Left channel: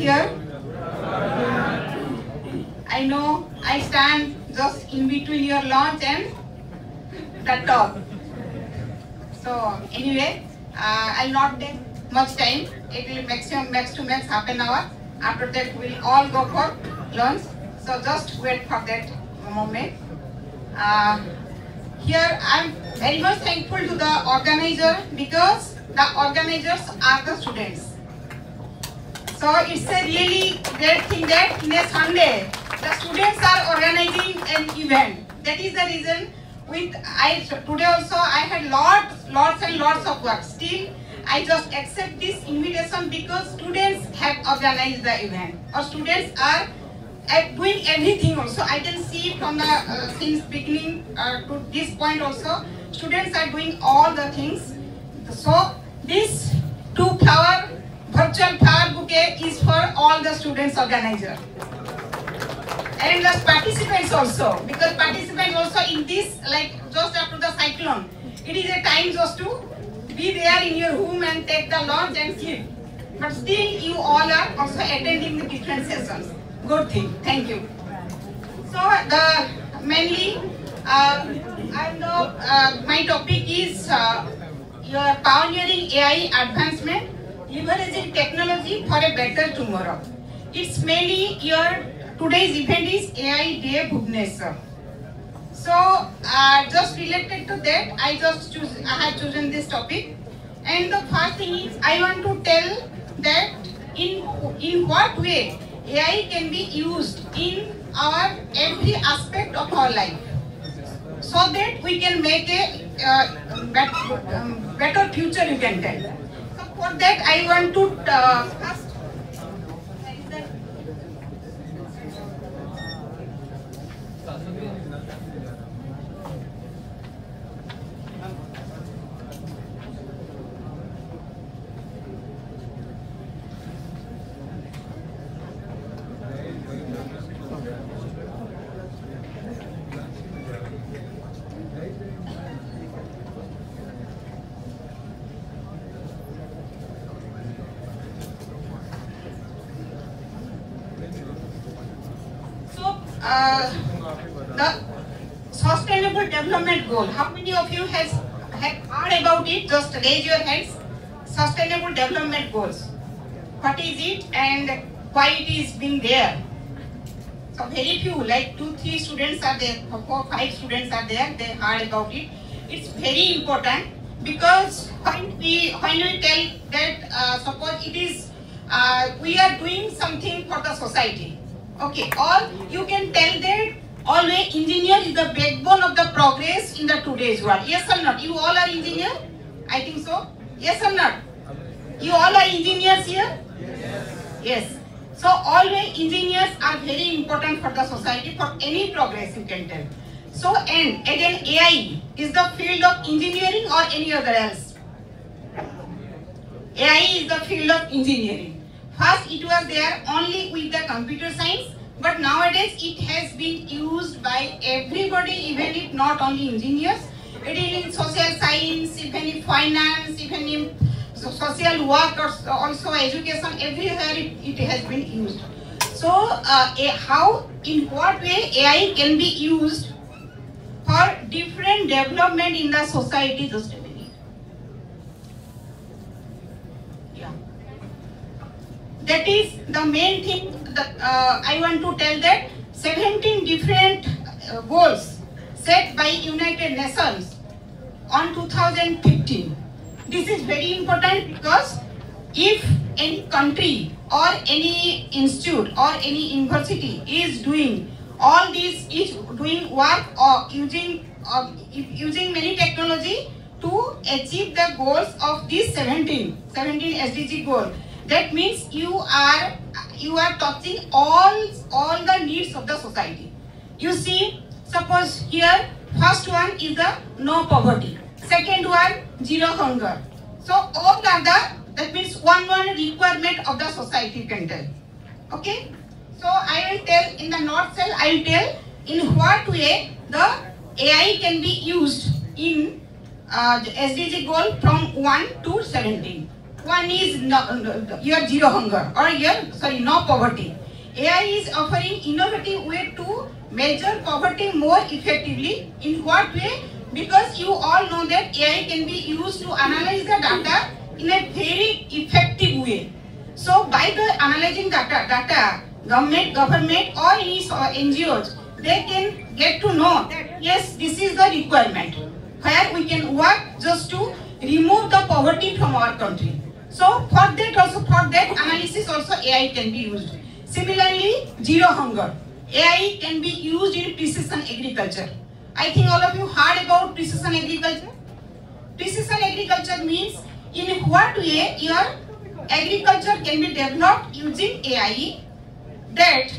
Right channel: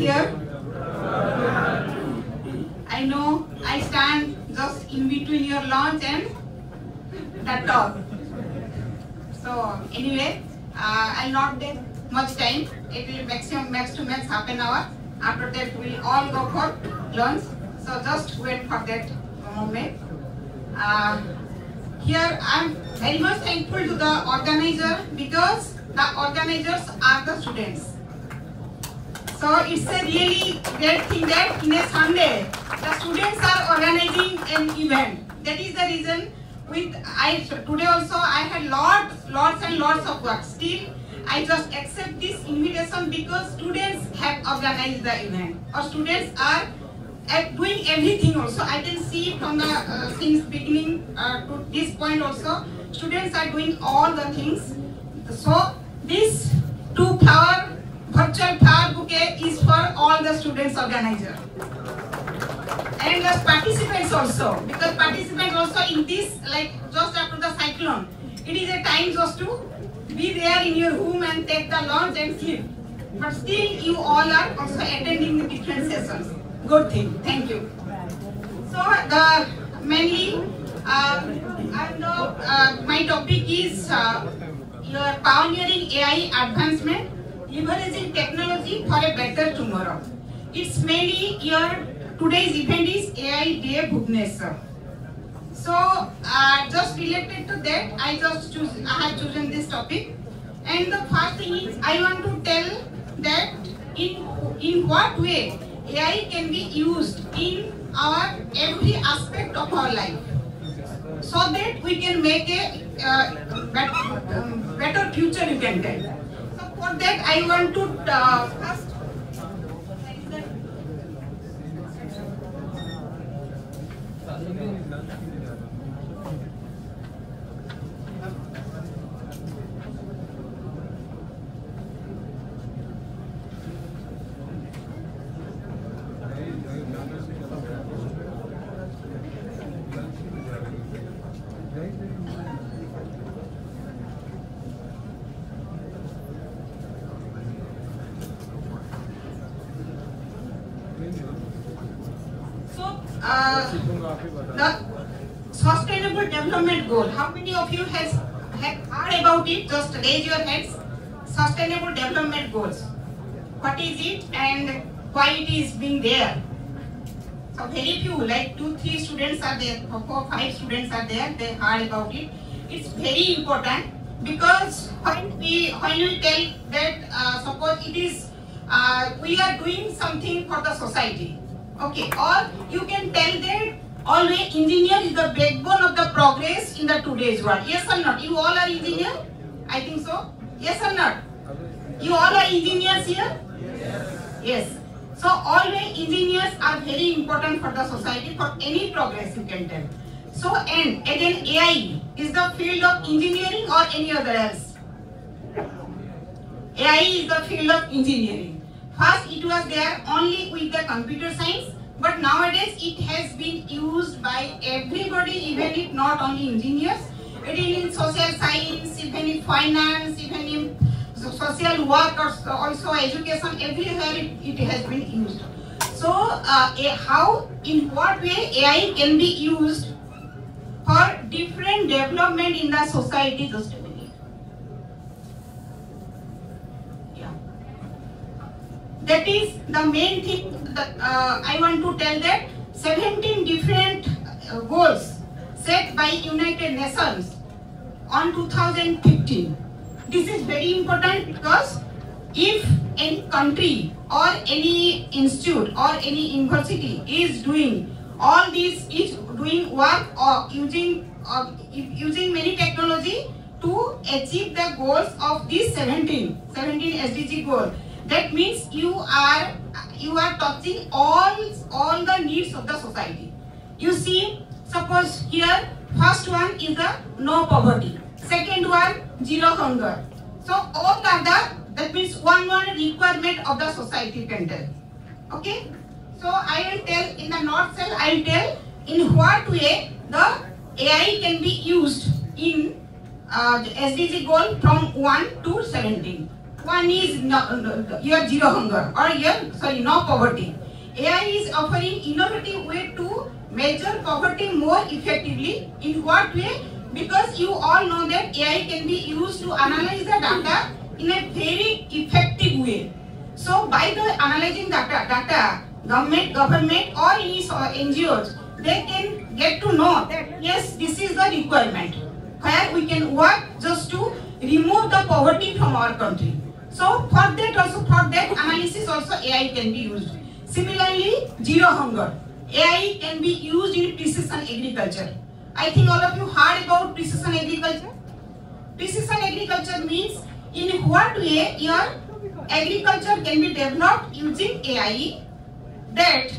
here? I know I stand just in between your launch and the talk. So anyway, I'll not take much time. It will maximum max to max half an hour. After that, we'll all go for lunch. So just wait for that moment. Here, I'm very much thankful to the organizer because the organizers are the students. So it's a really great thing that in a Sunday, the students are organizing an event. That is the reason today also I had lots and lots of work. Still, I just accept this invitation because students have organized the event. Or students are doing everything also. I can see from the since beginning to this point also, students are doing all the things. So this two-flower virtual flower bouquet is for all the students organizer. And the participants also, because participants also in this, like just after the cyclone, it is a time just to be there in your room and take the lunch and sleep. But still you all are also attending the different sessions. Good thing, thank you. So mainly, my topic is your pioneering AI advancement, leveraging technology for a better tomorrow. It's mainly today's event is AI Day Bhubaneswar. So just related to that, I have chosen this topic. And the first thing is I want to tell that in what way AI can be used in our every aspect of our life, so that we can make a better future, you can tell. So for that I want to first. The Sustainable Development Goal. How many of you have heard about it? Just raise your hands. Sustainable Development Goals. What is it and why it is being there? So very few, like 2-3 students are there, 4-5 students are there. They heard about it. It's very important because when we tell that suppose it is we are doing something for the society. Okay, or you can tell that always engineer is the backbone of the progress in the today's world. Yes or not? You all are engineers? I think so. Yes or not? You all are engineers here? Yes. So always engineers are very important for the society, for any progress, you can tell. So and again AI is the field of engineering or any other else? AI is the field of engineering. First it was there only with the computer science, but nowadays it has been used by everybody, even if not only engineers. It is in social science, even in finance, even in social work, or also education, everywhere it has been used. So in what way AI can be used for different development in the society, just a minute. That is the main thing that I want to tell, that 17 different goals set by United Nations on 2015. This is very important because if any country or any institute or any university is doing all this, is doing work or using many technology to achieve the goals of these 17 SDG goals, that means you are touching all the needs of the society. You see, suppose here first one is the no poverty, second one zero hunger. So all are that means one requirement of the society can tell. Okay. So I will tell in the nutshell. I will tell in what way the AI can be used in the SDG goal from 1 to 17. One is your zero hunger or no poverty. AI is offering innovative way to measure poverty more effectively. In what way? Because you all know that AI can be used to analyze the data in a very effective way. So by the analyzing data, government or any NGOs, they can get to know that yes, this is the requirement where we can work just to remove the poverty from our country. So for that analysis also AI can be used. Similarly, zero hunger. AI can be used in precision agriculture. I think all of you heard about precision agriculture. Precision agriculture means in what way your agriculture can be developed using AI, that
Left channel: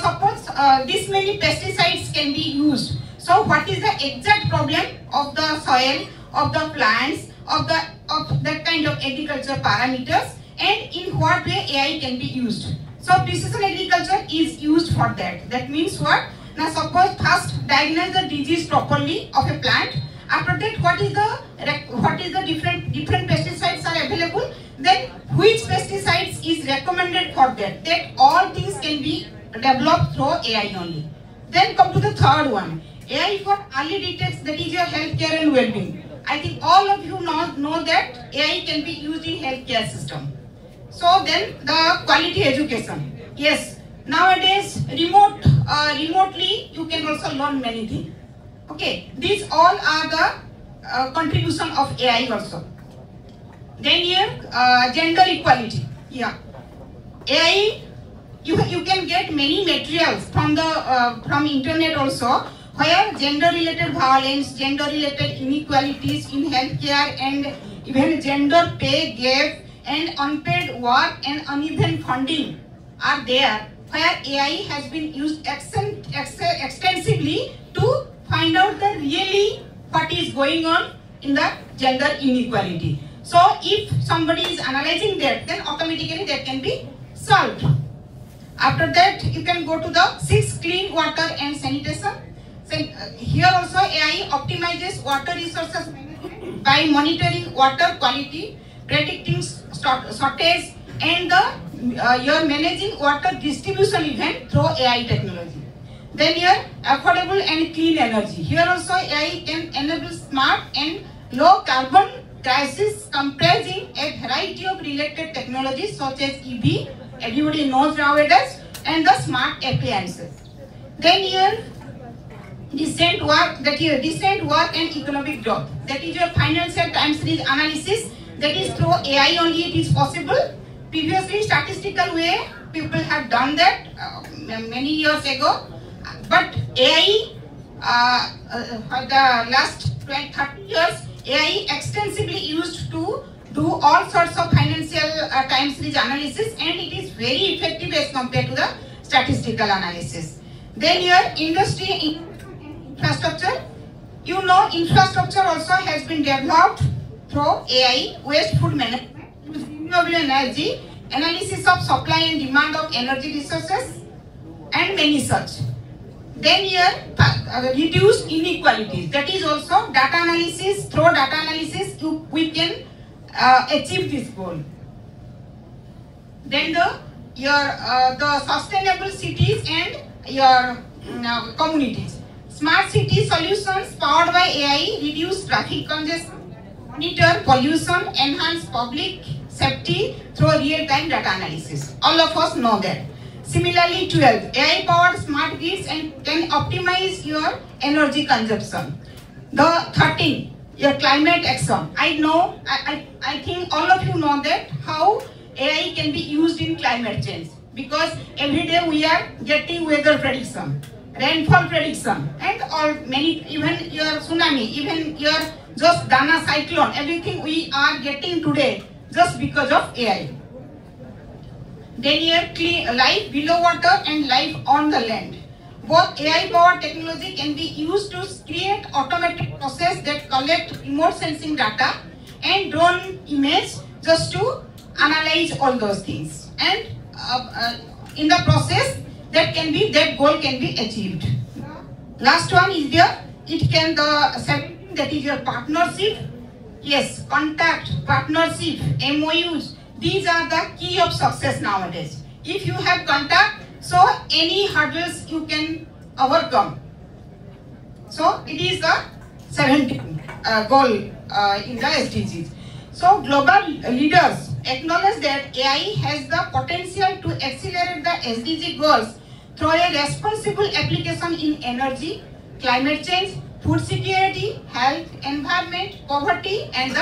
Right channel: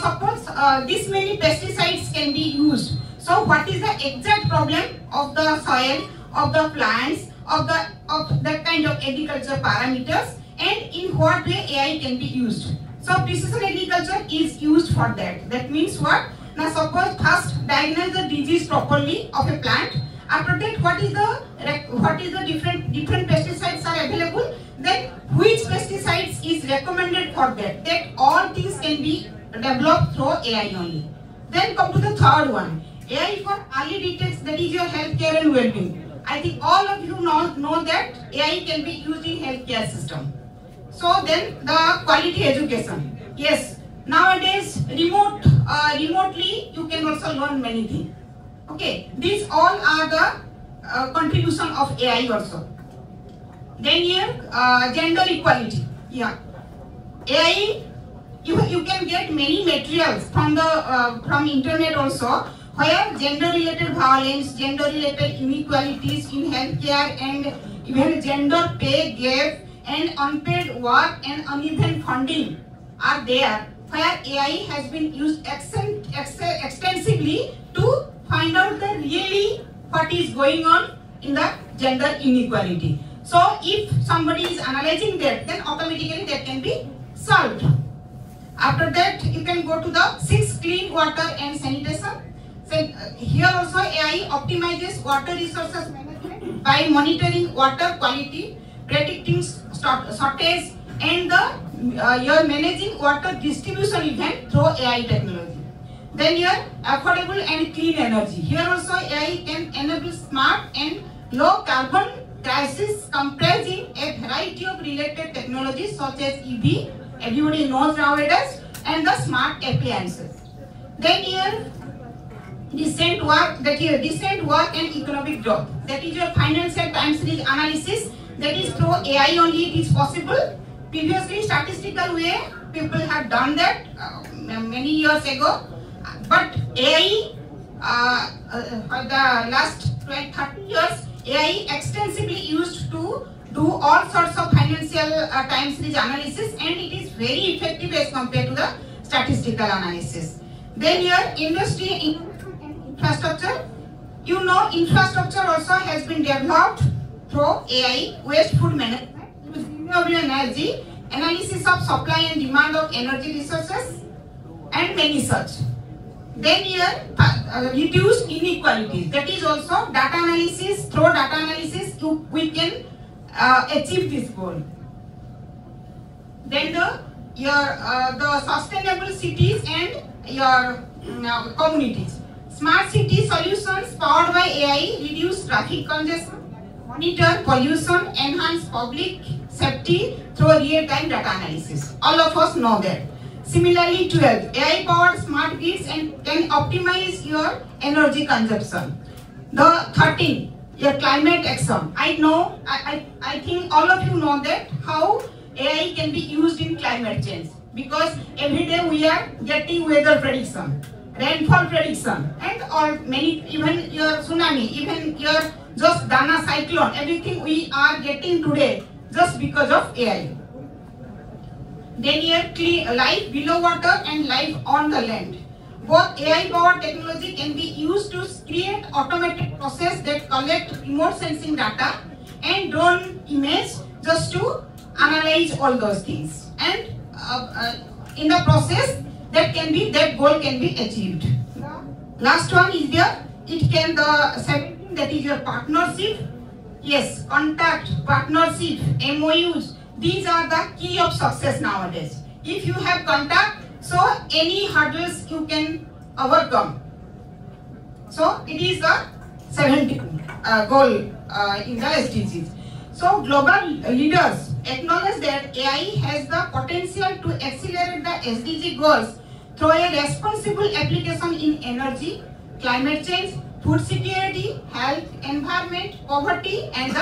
suppose this many pesticides can be used. So what is the exact problem of the soil, of the plants, of that kind of agriculture parameters, and in what way AI can be used. So precision agriculture is used for that. That means what? Now suppose first diagnose the disease properly of a plant. After that, what is the different pesticides are available? Then which pesticides is recommended for that? That all things can be developed through AI only. Then come to the third one. AI for early detection, that is your healthcare and well-being. I think all of you know that AI can be used in healthcare system. So then the quality education. Yes, nowadays remotely you can also learn many things. Okay, these all are the contribution of AI also. Then here gender equality. Yeah, AI you can get many materials from internet also, where gender-related violence, gender-related inequalities in healthcare, and even gender pay gap and unpaid work and uneven funding are there, where AI has been used extensively to find out the really what is going on in the gender inequality. So if somebody is analyzing that, then automatically that can be solved. After that, you can go to the 6 clean water and sanitation. So here also AI optimizes water resources management by monitoring water quality, predicting shortage, and you're managing water distribution event through AI technology. Then here affordable and clean energy. Here also AI can enable smart and low carbon crisis comprising a variety of related technologies such as EV, everybody knows nowadays, and the smart appliances. Then here decent work and economic growth. That is your financial time series analysis. That is through AI only it is possible. Previously statistical way people have done that many years ago. But AI for the last 20-30 years, AI extensively used to do all sorts of financial time series analysis, and it is very effective as compared to the statistical analysis. Then your industry infrastructure. You know, infrastructure also has been developed through AI, waste food management, renewable energy, analysis of supply and demand of energy resources, and many such. Then here, reduce inequalities. That is also data analysis. Through data analysis, we can achieve this goal. Then the sustainable cities and your communities. Smart city solutions powered by AI reduce traffic congestion, monitor pollution, enhance public safety through real-time data analysis. All of us know that. Similarly, 12, AI-powered smart grids and can optimize your energy consumption. The 13, your climate action. I think all of you know that how AI can be used in climate change, because every day we are getting weather prediction, rainfall prediction, and all many, even your tsunami, even your just Dana cyclone, everything we are getting today just because of AI. Then here clean life below water and life on the land. Both AI-powered technology can be used to create automated process that collect remote sensing data and drone image just to analyze all those things. And in the process, that goal can be achieved. Last one is that is your partnership. Yes, contact, partnership, MOUs, these are the key of success nowadays. If you have contact, so any hurdles you can overcome. So it is the 7th goal in the SDGs. So global leaders acknowledge that AI has the potential to accelerate the SDG goals through a responsible application in energy, climate change, food security, health, environment, poverty, and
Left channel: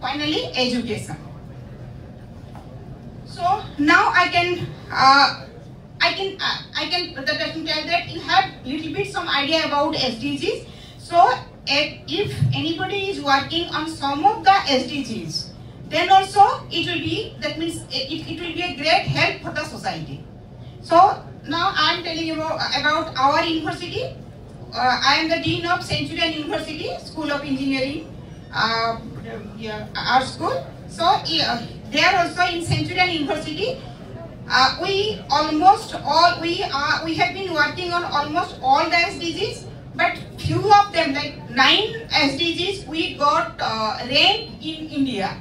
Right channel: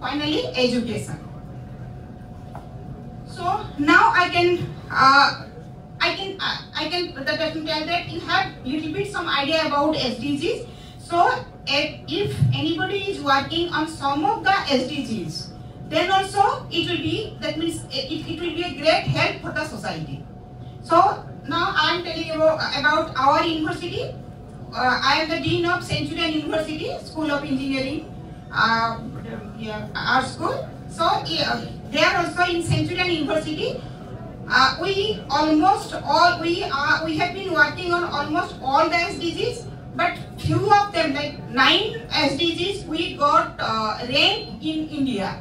finally education. So now I can tell that you have little bit some idea about SDGs. So if anybody is working on some of the SDGs, then also it will be, that means it will be a great help for the society. So now I am telling you about our university. I am the Dean of Centurion University, School of Engineering, our school. So there also in Centurion University, we have been working on almost all the SDGs, but few of them, like 9 SDGs, we got ranked in India.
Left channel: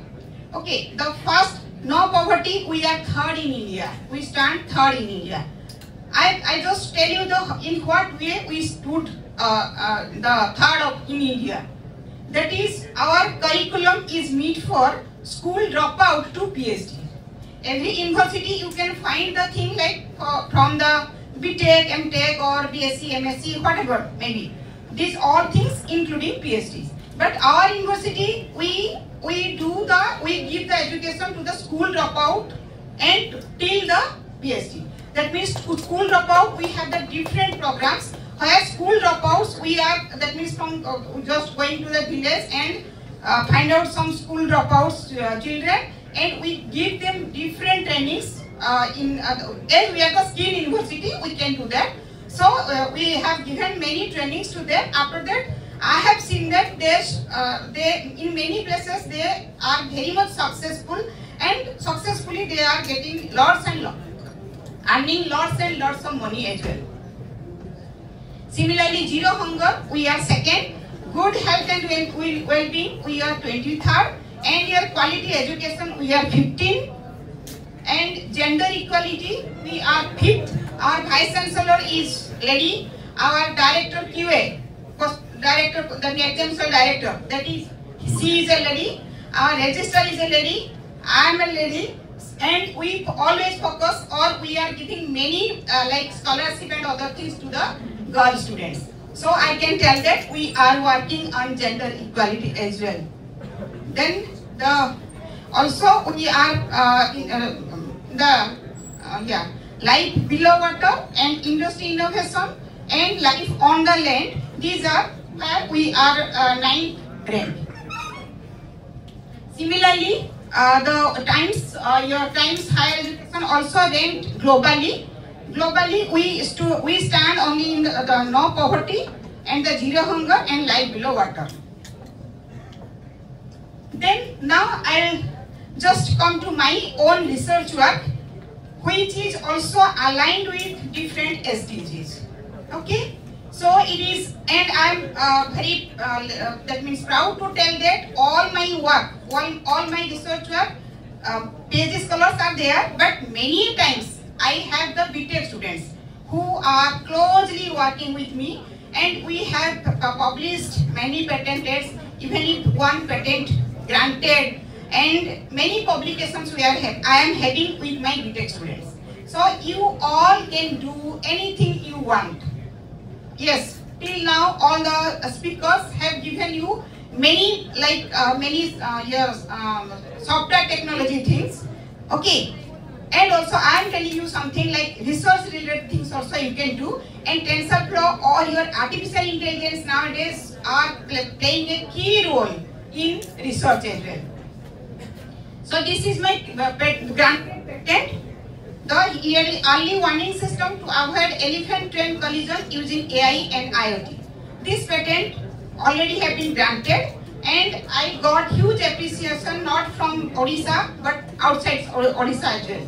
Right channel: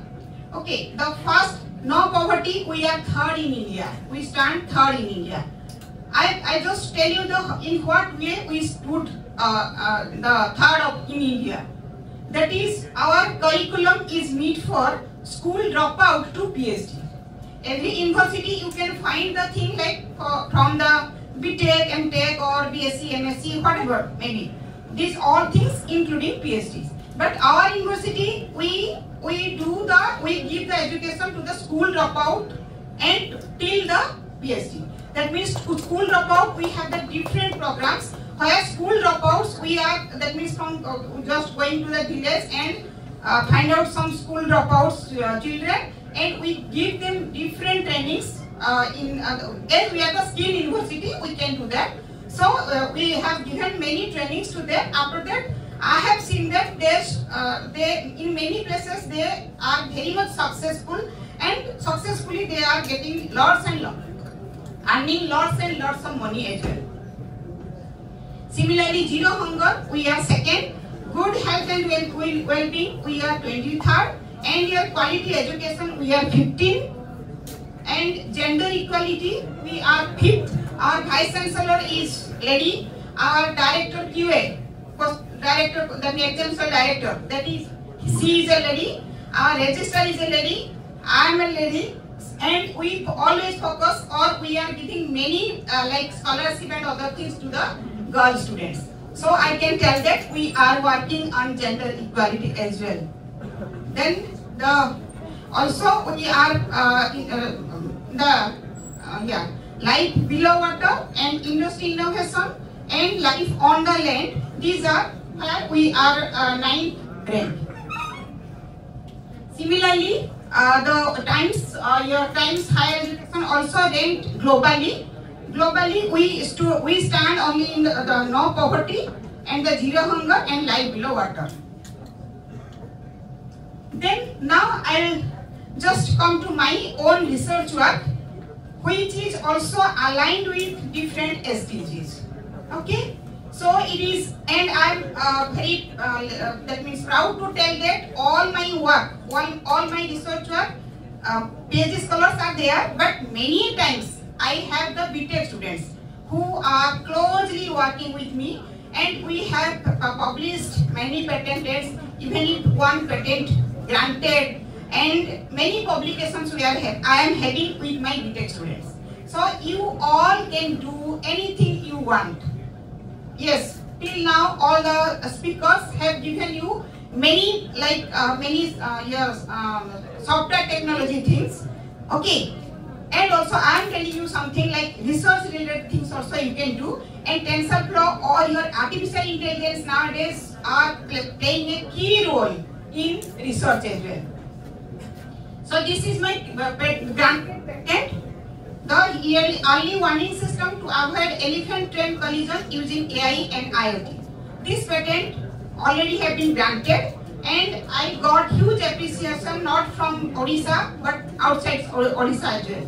Okay, the first, no poverty, we are 3rd in India. We stand 3rd in India. I just tell you in what way we stood the 3rd in India. That is, our curriculum is made for school dropout to PhD. Every university you can find the thing like from the BTech, MTech or BSc, MSc, whatever maybe. These all things including PhDs. But our university, we give the education to the school dropout and till the PhD. That means school dropout, we have the different programs. Where school dropouts, we are, that means from just going to the village and find out some school dropouts children, and we give them different trainings. As we are the skill university, we can do that. So we have given many trainings to them. After that, I have seen that they in many places they are very much successful, and successfully they are getting lots and lots, earning lots and lots of money as well. Similarly, zero hunger, we are 2nd. Good health and well-being, we are 23rd. And your quality education, we are 15th. And gender equality, we are 5th. Our Vice Chancellor is lady. Our Director QA, Director, the Exam Director, that is, she is a lady. Our Registrar is a lady. I am a lady. And we always focus, or we are giving many like scholarship and other things to the girl students. So I can tell that we are working on gender equality as well. Then also we are life below water and industry innovation and life on the land. These are where we are 9th rank. Similarly, your Times Higher Education also ranked globally. Globally, we stand only in the no poverty and the zero hunger and life below water. Then now I'll just come to my own research work, which is also aligned with different SDGs. Okay, so it is, and I'm very that means proud to tell that all my work, all my research work, PhD scholars are there, but many times I have the BTech students who are closely working with me, and we have published many patents, even if one patent granted, and many publications I am having with my BTech students. So you all can do anything you want. Yes, till now all the speakers have given you many software technology things. Okay. And also I am telling you something like research related things also you can do, and TensorFlow or your artificial intelligence nowadays are playing a key role in research as well. So this is my granted patent, the early warning system to avoid elephant train collision using AI and IoT. This patent already have been granted, and I got huge appreciation not from Odisha but outside Odisha as well.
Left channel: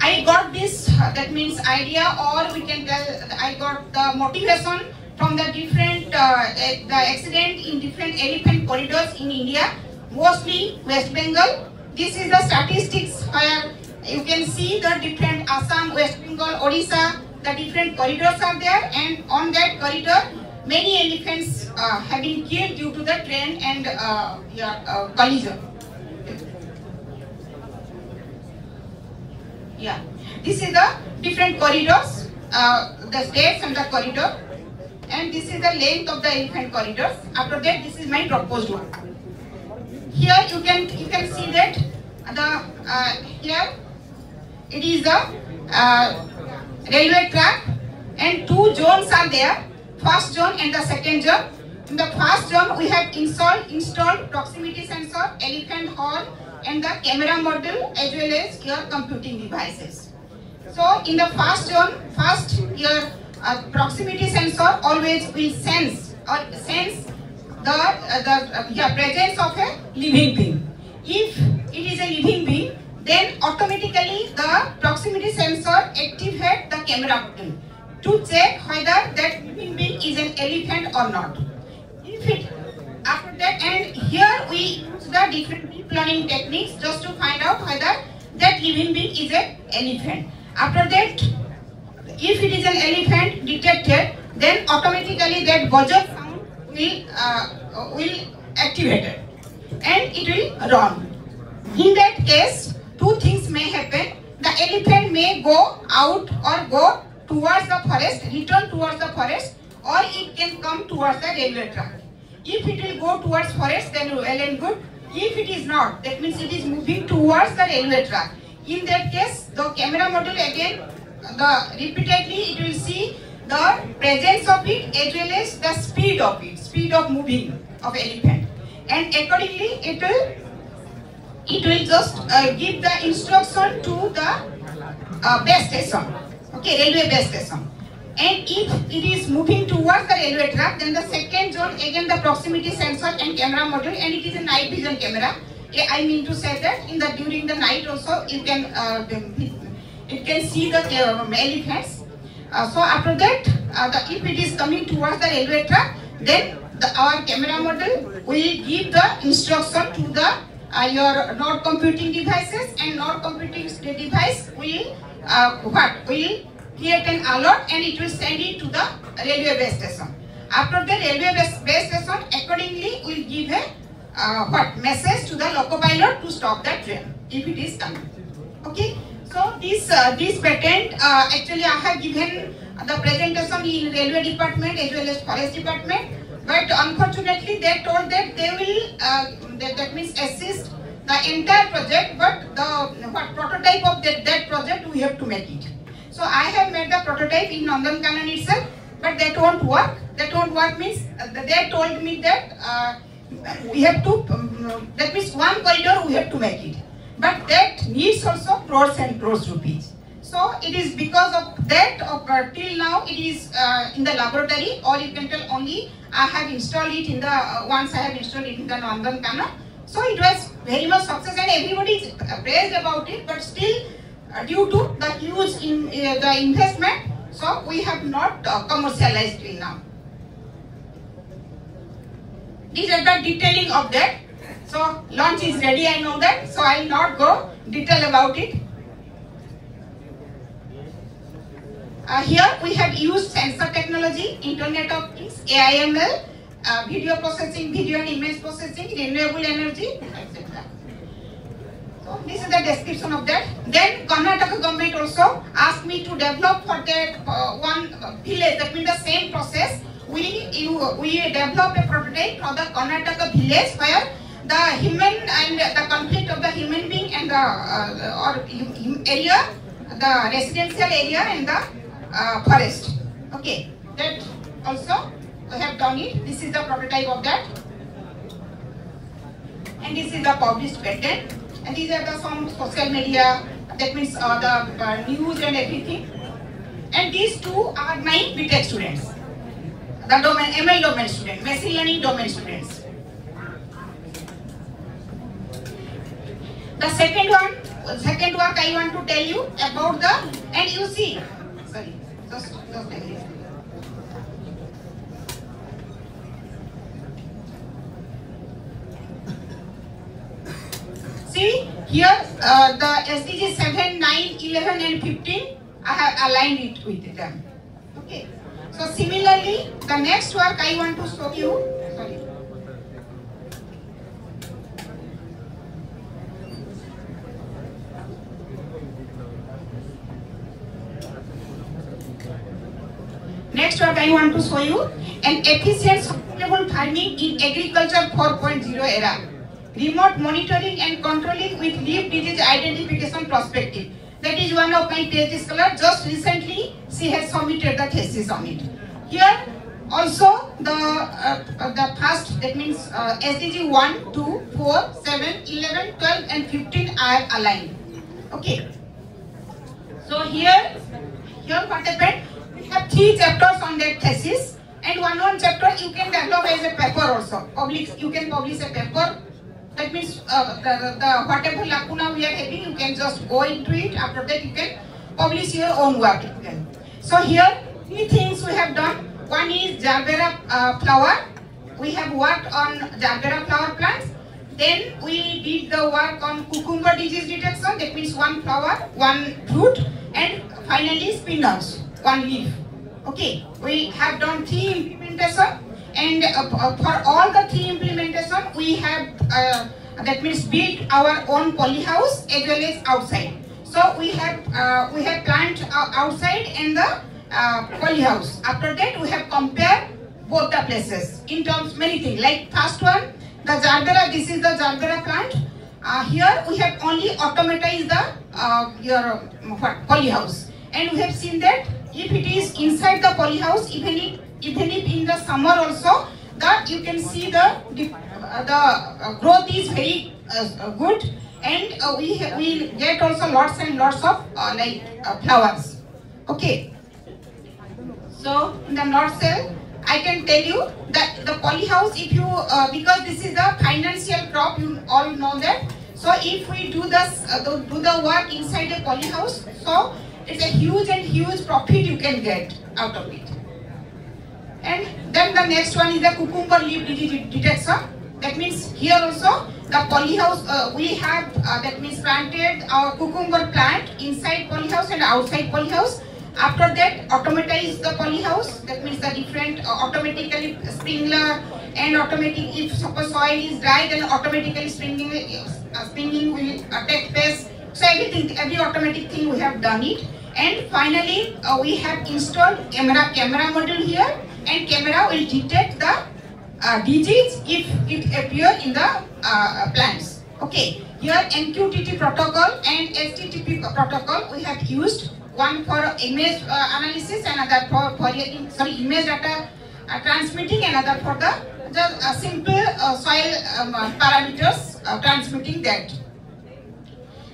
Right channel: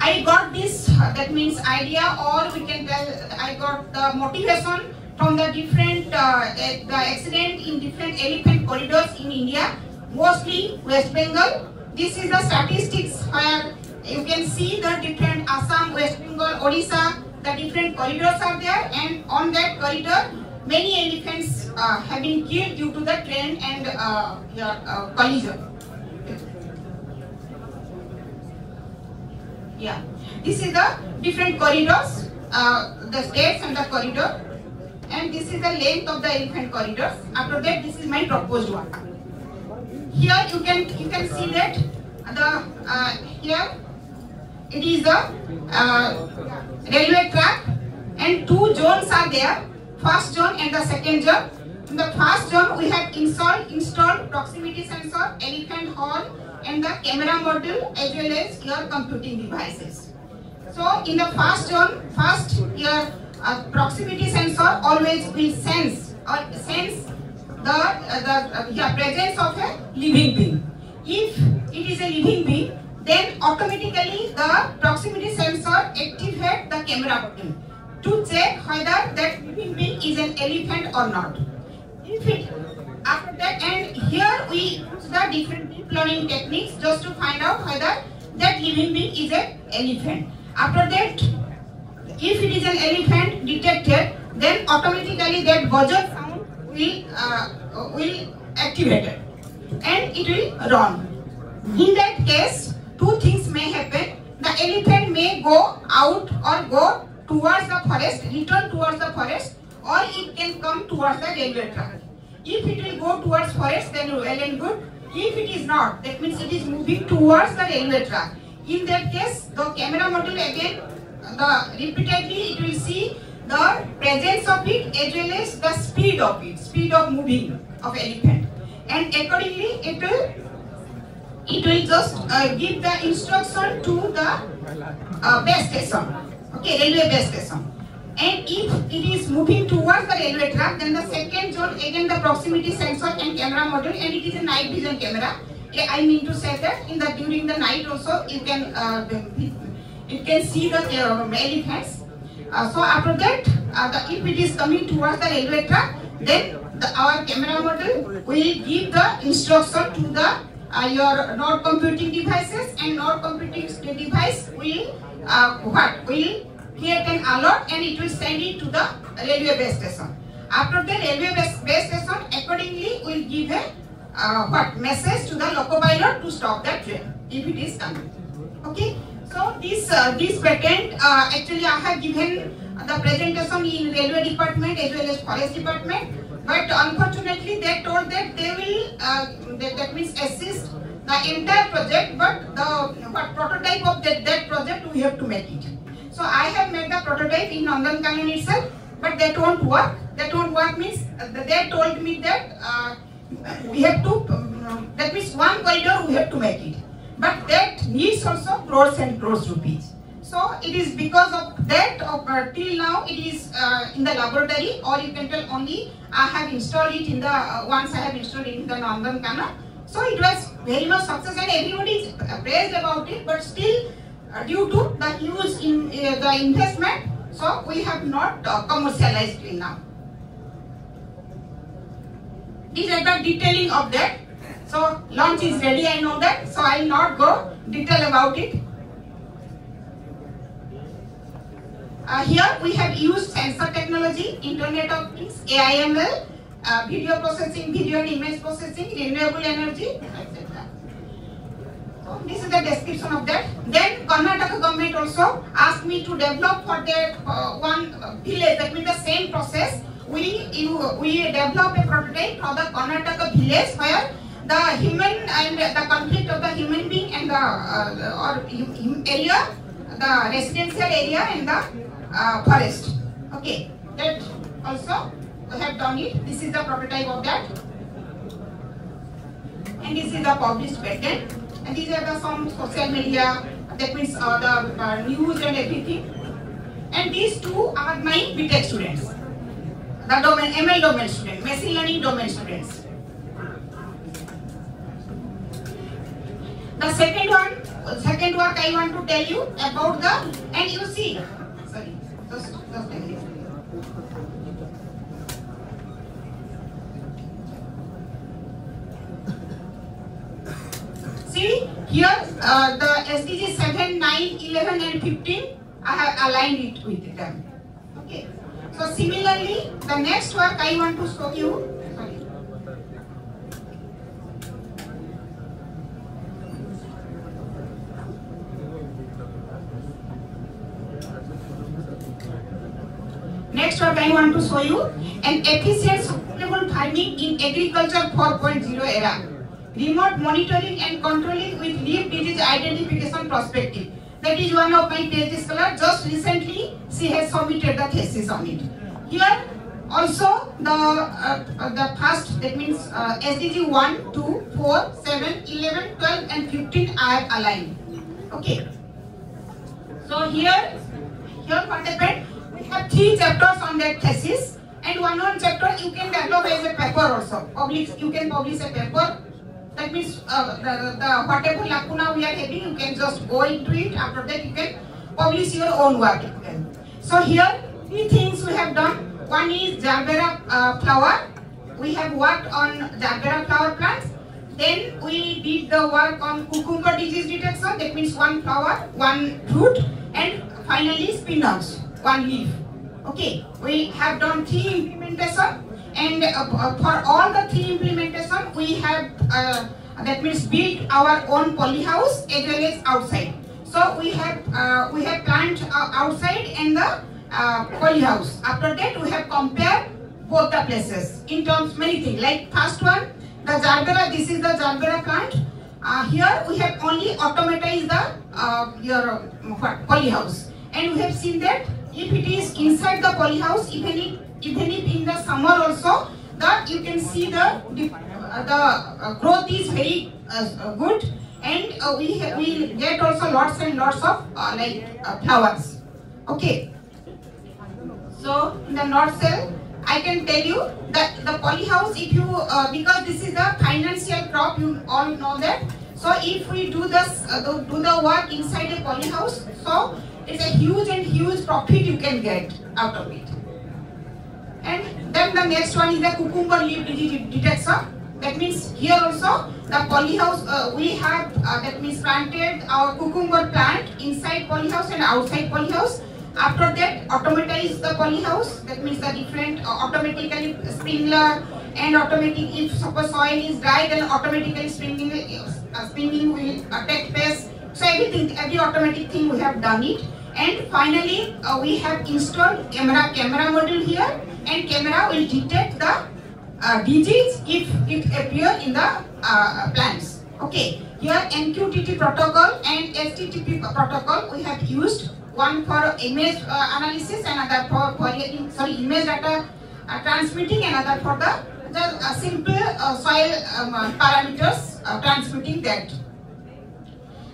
I got this, that means idea, or we can tell I got the motivation from the different the accident in different elephant corridors in India, mostly West Bengal. This is the statistics where you can see the different Assam, West Bengal, Odisha, the different corridors are there, and on that corridor, many elephants have been killed due to the train and collision. Yeah, this is the different corridors, the states and the corridor, and this is the length of the elephant corridors. After that, this is my proposed one. Here you can see that here it is the railway track, and two zones are there, first zone and the second zone. In the first zone we have installed proximity sensor, elephant horn, and the camera module as well as your computing devices. So in the first zone, your proximity sensor always will sense the presence of a living being. If it is a living being, then automatically the proximity sensor activates the camera button to check whether that living being is an elephant or not. If it after that, and here we use the different deep learning techniques just to find out whether that living being is an elephant. After that, if it is an elephant detected, then automatically that buzzer sound will activate it and it will run. In that case, two things may happen. The elephant may go out or go towards the forest, return towards the forest, or it can come towards the railway track. If it will go towards forest, then well and good. If it is not, that means it is moving towards the railway track. In that case, the camera module again, repeatedly it will see the presence of it as well as the speed of it, speed of moving of elephant, and accordingly it will just give the instruction to the base station, okay, railway base station. And if it is moving towards the railway track, then the second zone again the proximity sensor and camera module, and it is a night vision camera. I mean to say that during the night also you can it can see the elephants. So after that, if it is coming towards the railway track, then our camera module will give the instruction to the your node computing devices, and node computing device will create an alert and it will send it to the railway base station. After the railway base station, accordingly will give a message to the loco pilot to stop that train if it is coming. Okay. So this patent actually I have given the presentation in railway department as well as forest department, but unfortunately they told that they will that means assist the entire project, but the prototype of that project we have to make it. So I have made the prototype in Nandankanan itself, but that won't work. That won't work means they told me that we have to, that means one corridor we have to make it. But that needs also crores and crores rupees. So it is because of that, till now it is in the laboratory, or you can tell only I have installed it in the, once I have installed it in the Nandankanan. So it was very much success and everybody is praised about it, but still due to the huge the investment, so we have not commercialized till now. These are the detailing of that. So launch is ready, I know that, so I will not go detail about it. Here we have used sensor technology, Internet of Things, AIML, video processing, video and image processing, renewable energy, etc. So this is the description of that. Then Karnataka government also asked me to develop for that one village, that means the same process. We develop a prototype for the Karnataka village where the human and the conflict of the human being and the area, the residential area and the forest. Okay, that also we have done it. This is the prototype of that, and this is the published patent. And these are the some social media, that means the news and everything. And these two are my BTech students, the domain ML domain students, machine learning domain students. The second work I want to tell you about the, and you see, sorry, just a minute. see here the SDG 7, 9, 11 and 15, I have aligned it with them. Okay. So similarly, the next work I want to show you. Sorry. Next work I want to show you an efficient sustainable farming in agriculture 4.0 era. Remote monitoring and controlling with leaf disease identification perspective. That is one of my PhD scholars. Just recently, she has submitted the thesis on it. Here, also the first, that means SDG 1, 2, 4, 7, 11, 12 and 15 I have aligned. Okay. So here what happened? We have 3 chapters on that thesis, and one chapter you can develop as a paper also. You can publish a paper. That means the whatever lacuna we are having, you can just go into it. After that, you can publish your own work. So here, 3 things we have done. One is Jarbera flower. We have worked on Jarbera flower plants. Then we did the work on cucumber disease detection. That means 1 flower, 1 fruit, and finally spinach, 1 leaf. Okay, we have done 3 implementation. And for all the 3 implementation, we have that means built our own polyhouse as well as outside. So we have plant outside and the polyhouse. After that, we have compared both the places in terms many things. Like first one, the Jarbera. This is the Jarbera plant. Here we have only automatized the your polyhouse, and we have seen that if it is inside the polyhouse, even if in the summer also, that you can see the growth is very good, and we get also lots and lots of flowers. Okay. So in the nutshell, I can tell you that the polyhouse, if you because this is a financial crop, you all know that. So if we do the work inside a polyhouse, so it's a huge profit you can get out of it. And then the next one is the cucumber leaf disease detection. That means here also the polyhouse we have that means planted our cucumber plant inside polyhouse and outside polyhouse. After that, automatize the polyhouse. That means the different automatically sprinkler and automatic. If suppose soil is dry, then automatically sprinkling will take place. So every automatic thing we have done it. And finally, we have installed camera module here, and camera will detect the disease if it appear in the plants. Okay, here MQTT protocol and HTTP protocol we have used. One for image analysis, another for image data transmitting, another for the simple soil parameters transmitting that.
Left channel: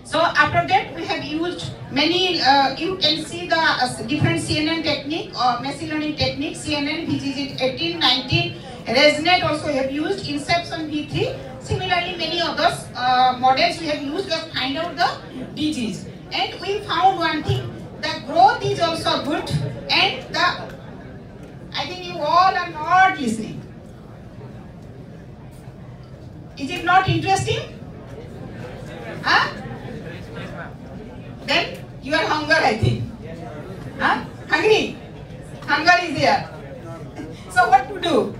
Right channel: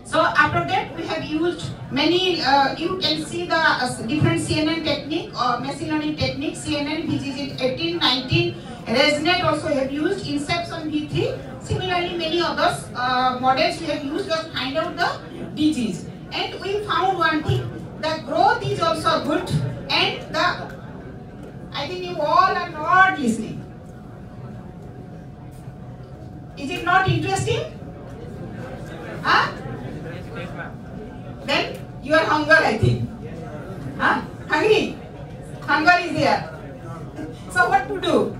So after that, we have used many, you can see the different CNN technique or machine learning technique, CNN, VGG 18, 19, ResNet also have used, Inception V3. Similarly, many others models we have used to find out the disease. And we found one thing, the growth is also good, and I think you all are not listening. Is it not interesting? Huh? Then you are hunger, I think. Huh? Hungry? Hunger is there. So what to do?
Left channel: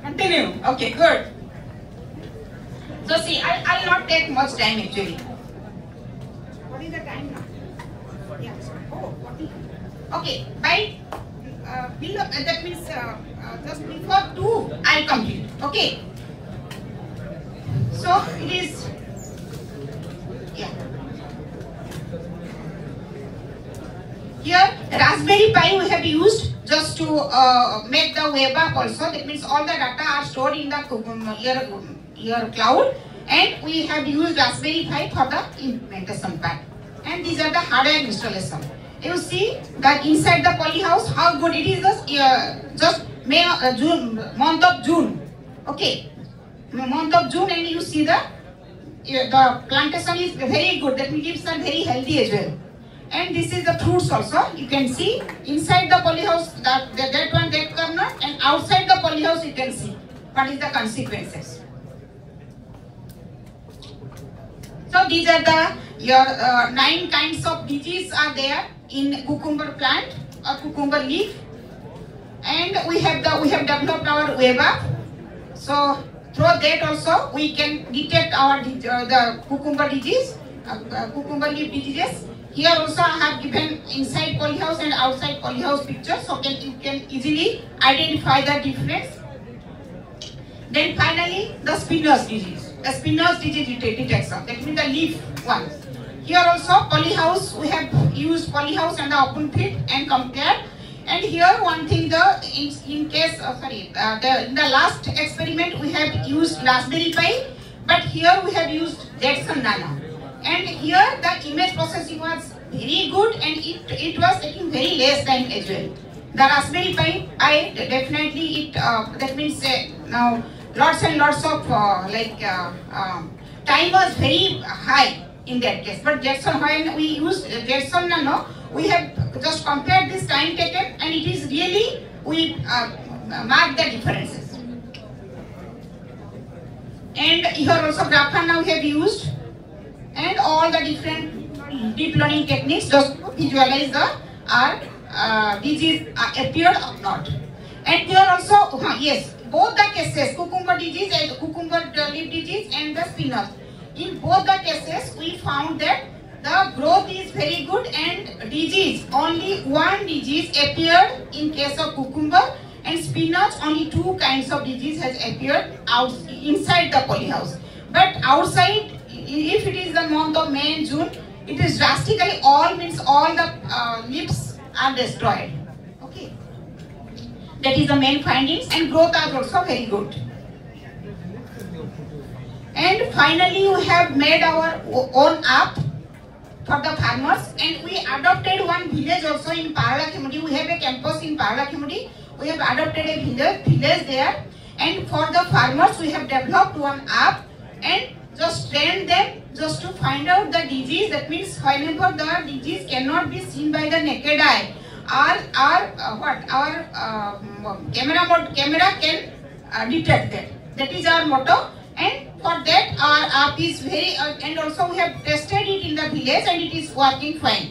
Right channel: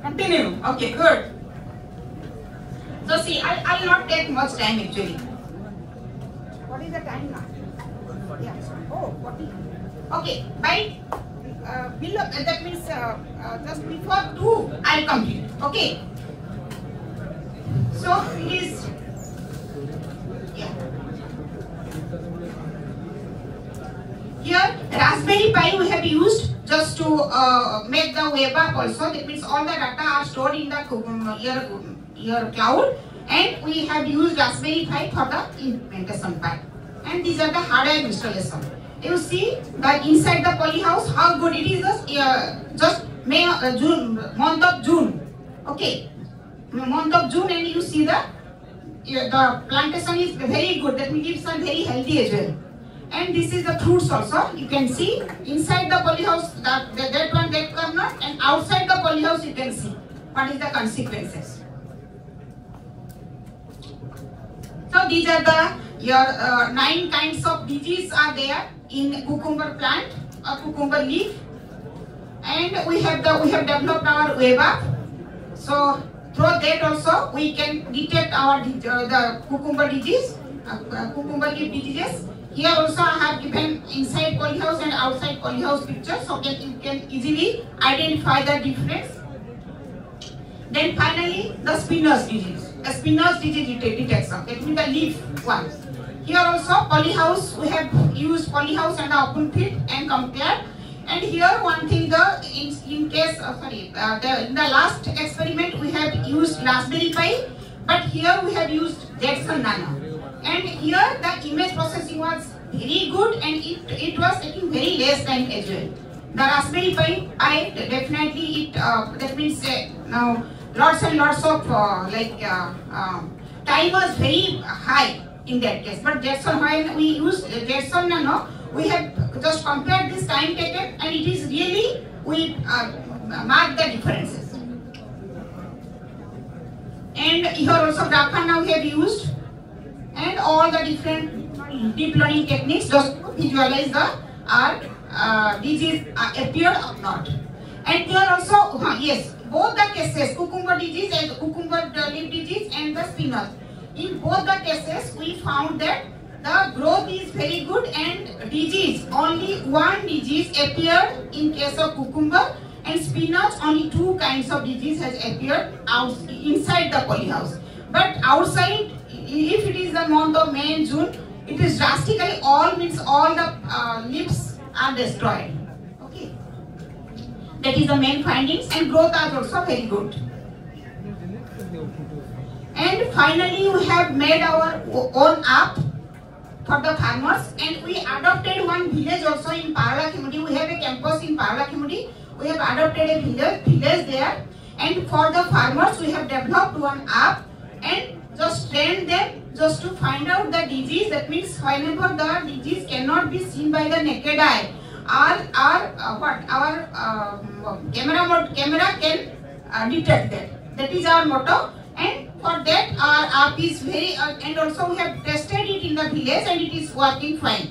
Continue. Okay, good. So see, I'll not take much time actually. What is the time now? Yeah. Oh, 40. Okay. By below, that means just before 2, I'll complete. Okay. So it is. Yeah. Here, Raspberry Pi we have used just to make the web app also. That means all the data are stored in the your cloud, and we have used Raspberry Pi for the implementation part. And these are the hardware installation. You see that inside the polyhouse how good it is. Just month of June. Okay, month of June, and you see the plantation is very good. That means are very healthy as well. And this is the fruits also. You can see inside the polyhouse that corner, and outside the polyhouse you can see what is the consequences. So these are the your 9 kinds of disease are there in cucumber plant or cucumber leaf, and we have developed our web app. So through that also we can detect our the cucumber disease, cucumber leaf diseases. Here also I have given inside polyhouse and outside polyhouse picture, so that you can easily identify the difference. Then finally the spinner's disease, the spinner's disease detection, that means the leaf one. Here also polyhouse, we have used polyhouse and the open field and compared. And here one thing, in the last experiment we have used Raspberry Pi, but here we have used Jetson Nano. And here the image processing was very good, and it was taking very less time as well. The Raspberry Pi, definitely it that means now lots and lots of time was very high in that case. But Jetson, when we used Jetson Nano, we have just compared this time taken, and it is really, we mark the differences. And here also Graphan now we have used, and all the different deep learning techniques just to visualize the disease appeared or not. And here also, yes, both the cases, cucumber disease and cucumber leaf disease and the spinner, in both the cases we found that the growth is very good, and disease, only one disease appeared in case of cucumber, and spinach, only 2 kinds of disease has appeared inside the polyhouse. But outside, if it is the month of May and June, it is drastically all the leaves are destroyed. Okay, that is the main findings, and growth are also very good. And finally, we have made our own app for the farmers, and we adopted one village also in Paralakhemudi. We have a campus in Paralakhemudi. We have adopted a village there, and for the farmers we have developed one app and just trained them just to find out the disease. That means whenever the disease cannot be seen by the naked eye, our camera can detect that. That is our motto. And for that our app is very, and also we have tested it in the village and it is working fine.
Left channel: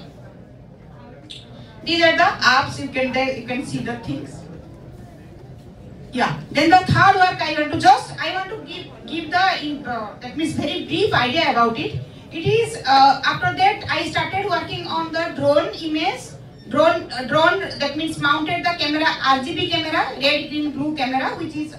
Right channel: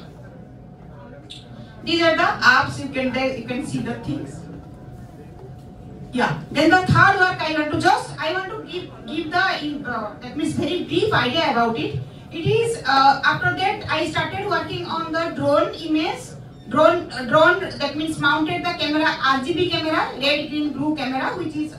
These are the apps, you can see the things. Yeah. Then the third work I want to give the that means very brief idea about it. It is after that I started working on the drone image. Drone that means mounted the camera, RGB camera, red, green, blue camera, which is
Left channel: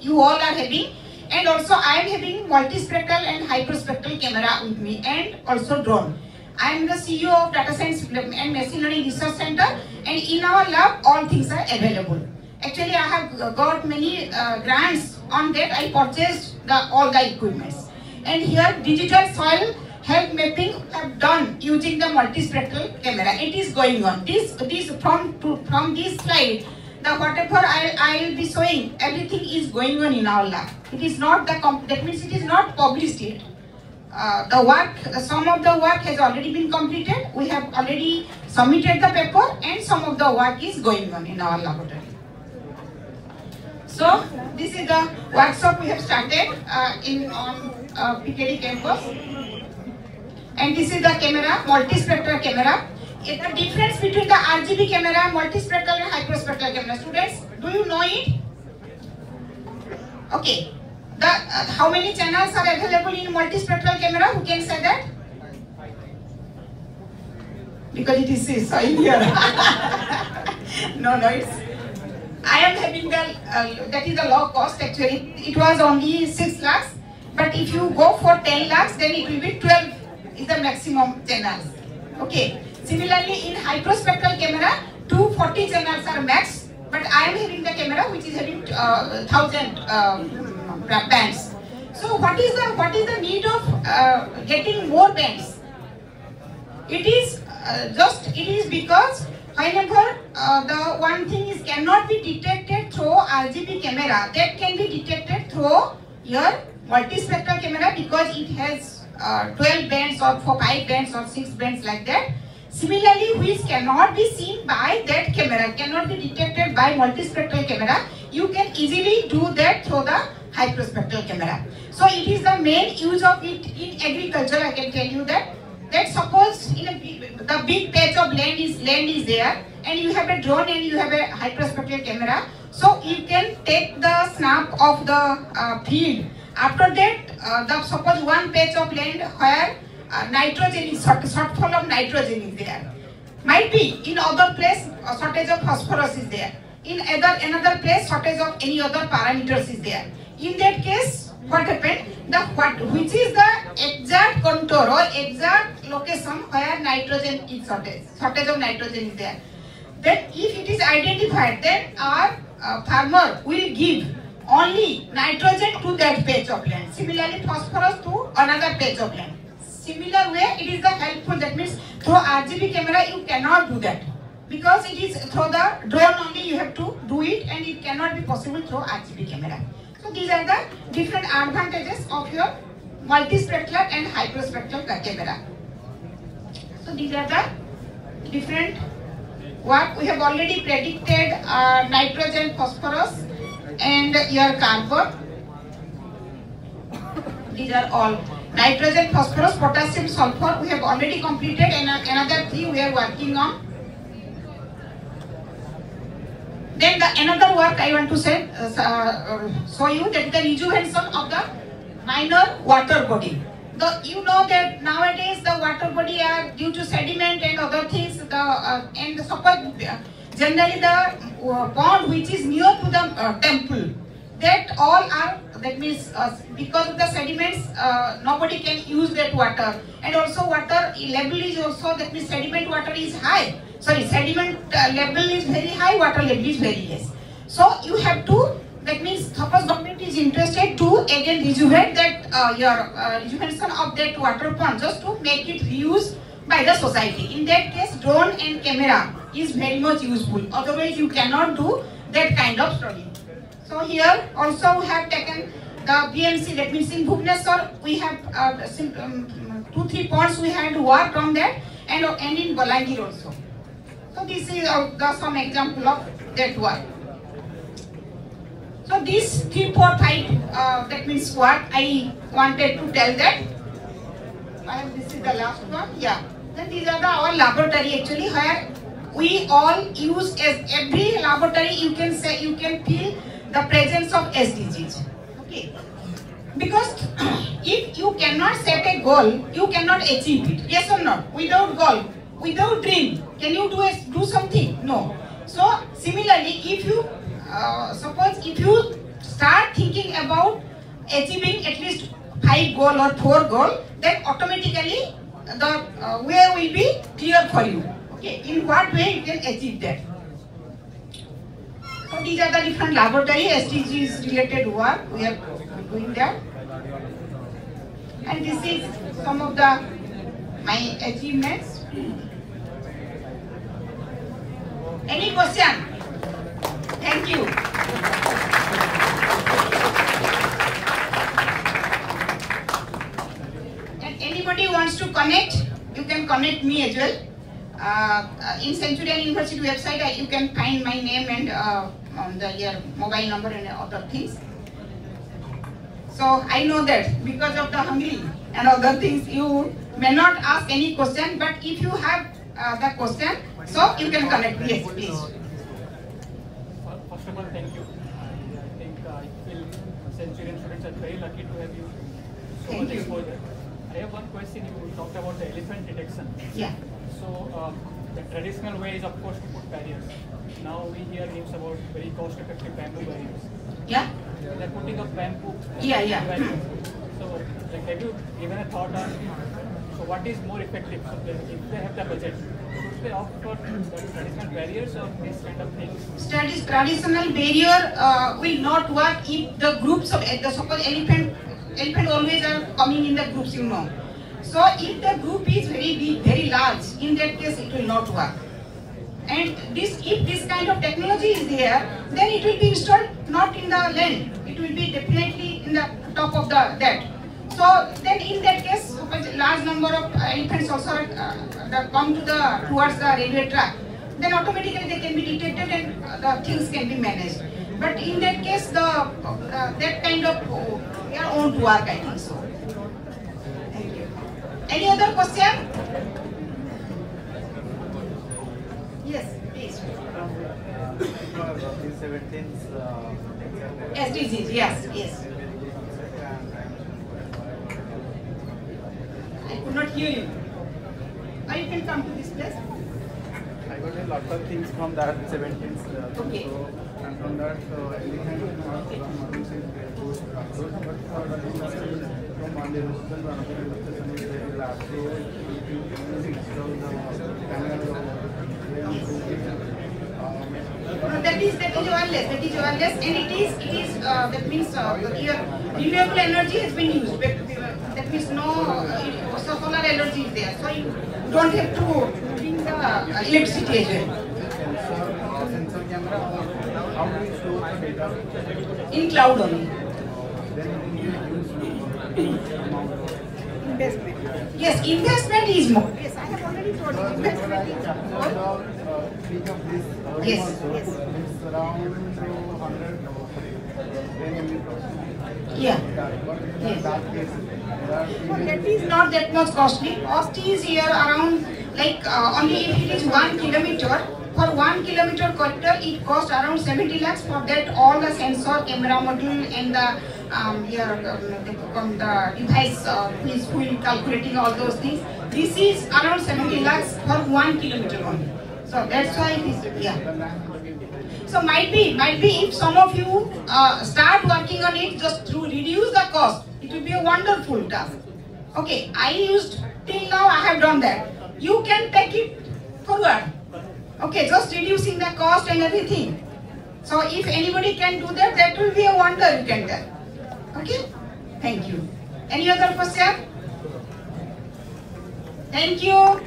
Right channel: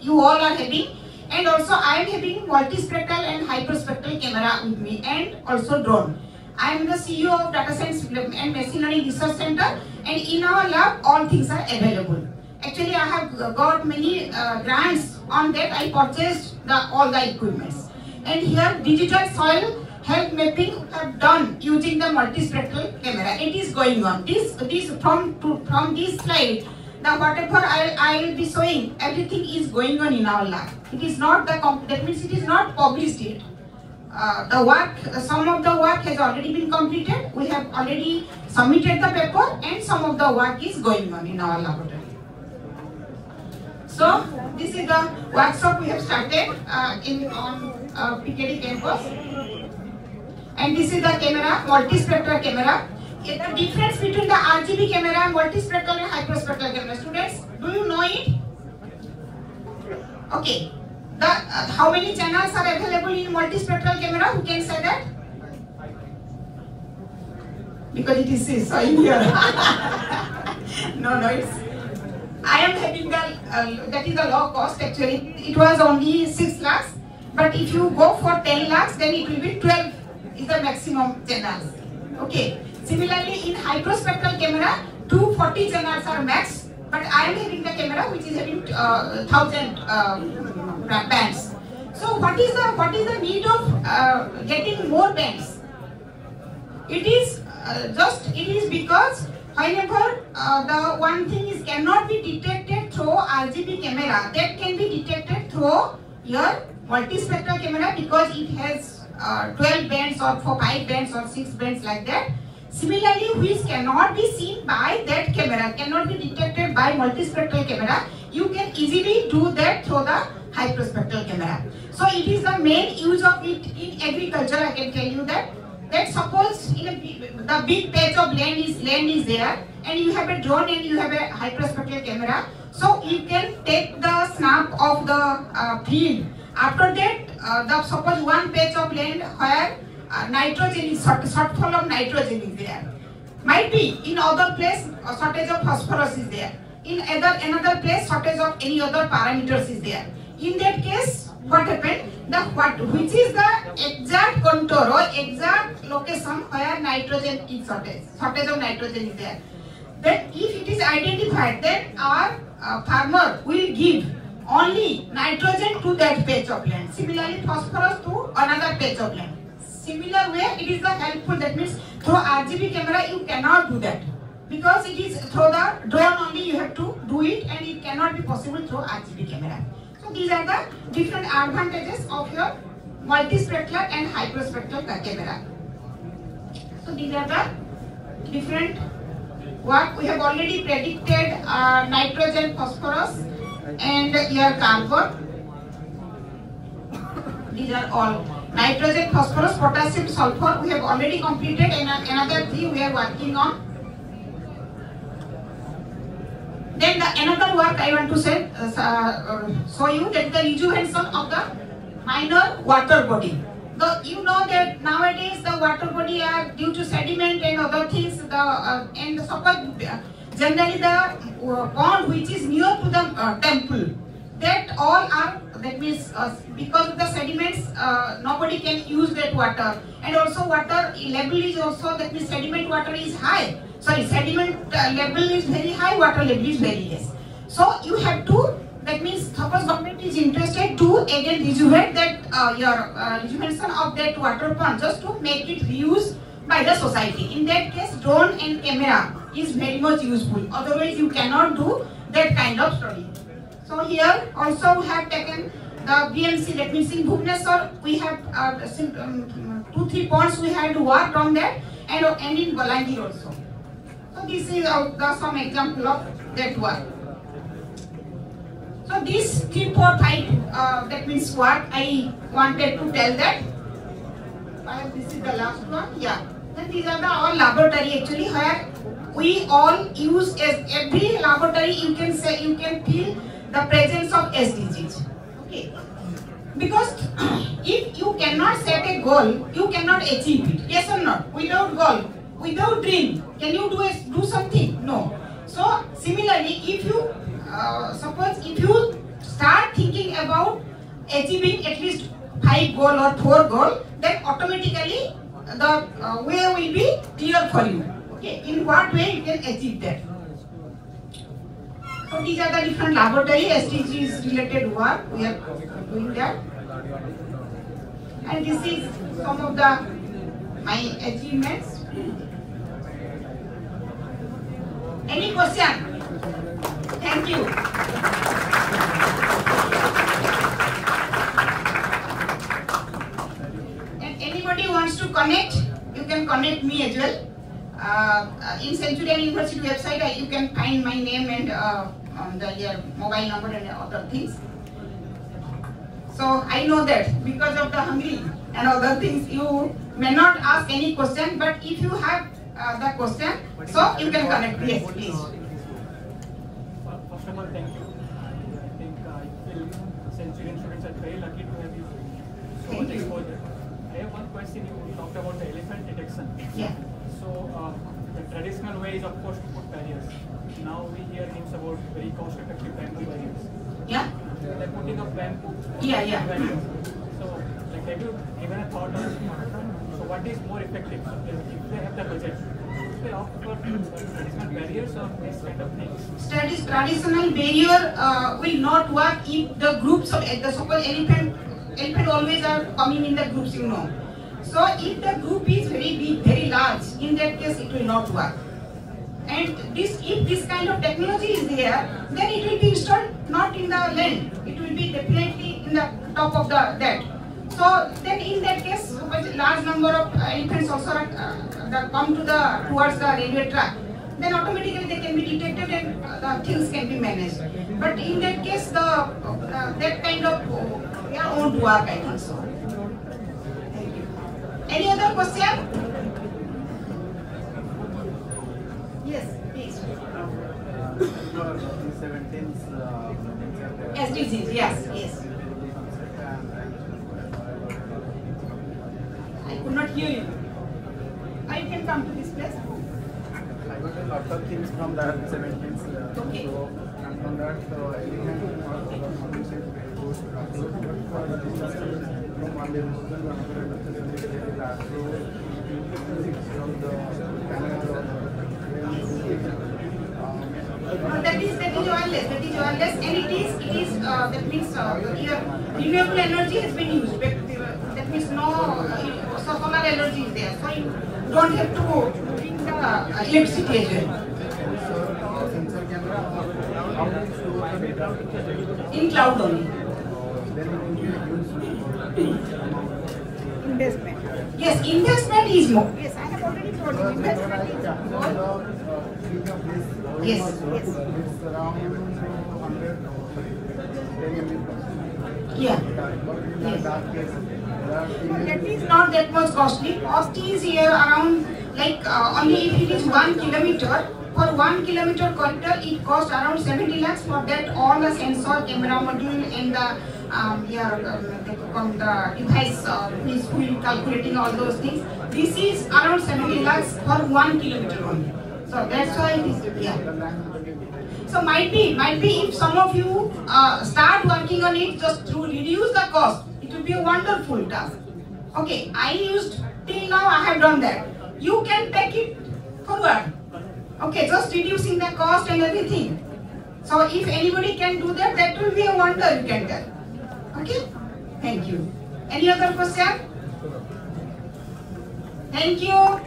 you all are having. And also I am having multispectral and hyperspectral camera with me, and also drone. I am the CEO of Data Science and Machine Learning Research Center, and in our lab all things are available. Actually, I have got many grants on that. I purchased all the equipments. And here digital soil health mapping have done using the multispectral camera. It is going on. This from this slide, the whatever I will be showing, everything is going on in our lab. It is not that means it is not published yet. Some of the work has already been completed. We have already submitted the paper, and some of the work is going on in our laboratory. So this is the workshop we have started on PKD campus, and this is the camera, multispectral camera. The difference between the RGB camera, multispectral and hyperspectral camera, students, do you know it? Okay. How many channels are available in multispectral camera? Who can say that? Because it is so in here. No, it's. I am having that is a low cost actually. It was only 6 lakhs, but if you go for 10 lakhs, then it will be 12 is the maximum channels. Okay. Similarly, in hyperspectral camera, 240 channels are max, but I am having the camera which is having 1000 bands. So what is the need of getting more bands? It is because whenever the one thing is cannot be detected through RGB camera, that can be detected through your multispectral camera because it has 12 bands or 5 bands or 6 bands like that. Similarly, which cannot be seen by that camera, cannot be detected by multispectral camera, you can easily do that through the hyperspectral camera. So it is the main use of it in agriculture. I can tell you that. That suppose in the big patch of land is there, and you have a drone and you have a hyperspectral camera. So you can take the snap of the field. After that, suppose one patch of land where nitrogen is shortfall of nitrogen is there. Might be in other place shortage of phosphorus is there. In another place shortage of any other parameters is there. In that case, what happened? Which is the exact contour or exact location where nitrogen is shortage of nitrogen is there. Then if it is identified, then our farmer will give only nitrogen to that patch of land. Similarly, phosphorus to another patch of land. Similar way, it is the helpful. That means through RGB camera you cannot do that, because it is through the drone only you have to do it, and it cannot be possible through RGB camera. So these are the different advantages of your multispectral and hyperspectral camera. So these are the different what we have already predicted: nitrogen, phosphorus, and your carbon. These are all nitrogen, phosphorus, potassium, sulfur. We have already completed, and another three we are working on. Then another work I want to say, show you, that the rejuvenation of the minor water body. You know that nowadays the water body are due to sediment and other things. And suppose generally the pond which is near to the temple, that all are, that means because of the sediments, nobody can use that water. And also water level is also, that means sediment water is high. Sorry, sediment level is very high, water level is very less. So you have to, that means suppose government is interested to again rejuvenate that your rejuvenation of that water pond, just to make it reused by the society. In that case, drone and camera is very much useful. Otherwise, you cannot do that kind of study. So here also we have taken the BMC, that means in Bhubaneswar we have 2-3 ponds we had worked on that, and in Balangir also. So this is some example of that work. So this 3, 4, 5, that means what I wanted to tell that. This is the last one. Yeah. Then these are our laboratory actually, where we all use, as every laboratory you can say, you can feel the presence of SDGs. Okay. Because if you cannot set a goal, you cannot achieve it. Yes or not? Without goal, without dream, can you do something? No. So similarly, if you suppose if you start thinking about achieving at least 5 goal or 4 goal, then automatically the way will be clear for you. Okay, in what way you can achieve that. So these are the different laboratory SDGs related work we are doing that. And this is some of my achievements. Any question? Thank you. And anybody wants to connect, you can connect me as well. In Centurion University website, you can find my name and your mobile number and other things. So I know that because of the hungry and other things, you may not ask any question, but if you have the question, so you can connect me. Yes, please. First of all, thank you. I think I feel Centurion students are very lucky to have you. So much exposure. I have one question. You talked about the elephant detection. Yeah. So the traditional way is, of course, to put barriers. Now we hear news about very cost-effective bamboo barriers. Yeah. They're putting up bamboo. Yeah. So, like, have you given a thought on so what is more effective? So if they have the budget, should they opt for traditional barriers or this kind of things? Traditional barrier will not work if the groups of suppose elephant always are coming in the groups, you know. So if the group is very big, very large, in that case it will not work. And if this kind of technology is there, then it will be installed not in the land. It will be definitely in the top of that. So then in that case, suppose large number of elephants also come towards the railway track, then automatically they can be detected and the things can be managed. But in that case, that kind of They are own to work, I think so. Thank you. Any other question? Yes, please. SDGs, yes, yes. I could not hear you. Now you can come to this place. I got a lot of things from that 17th. Okay. So, and from that, elephant or solar models is very good approach. But for the industry, from one level to another level, is very large. So, if you install the panels or No, that is wireless. That is wireless, and it is that means your renewable energy has been used. That means no solar energy is there, so you don't have to bring the electricity as well. sensor camera, or how do you store the data? In cloud only. Then it will be a huge amount. Investment. Yes, investment is more. Yes, I have already told you. Investment is more. Yes, yes. It's around 100 10 MB per second. Yeah. But in Yes. that case, there are No, that is not that much costly. Cost is here around like only if it is 1 kilometer. For 1 kilometer corridor, it costs around 70 lakhs. For that, all the sensor, camera module, and the the device who is calculating all those things. This is around 70 lakhs for 1 kilometer only. So that's why it is yeah. So might be if some of you start working on it just to reduce the cost, it will be a wonderful task. Okay, I used till now I have done that. You can take it forward. Okay, just reducing the cost and everything. So if anybody can do that, that will be a wonder you can tell. Okay, thank you. Any other question? Thank you.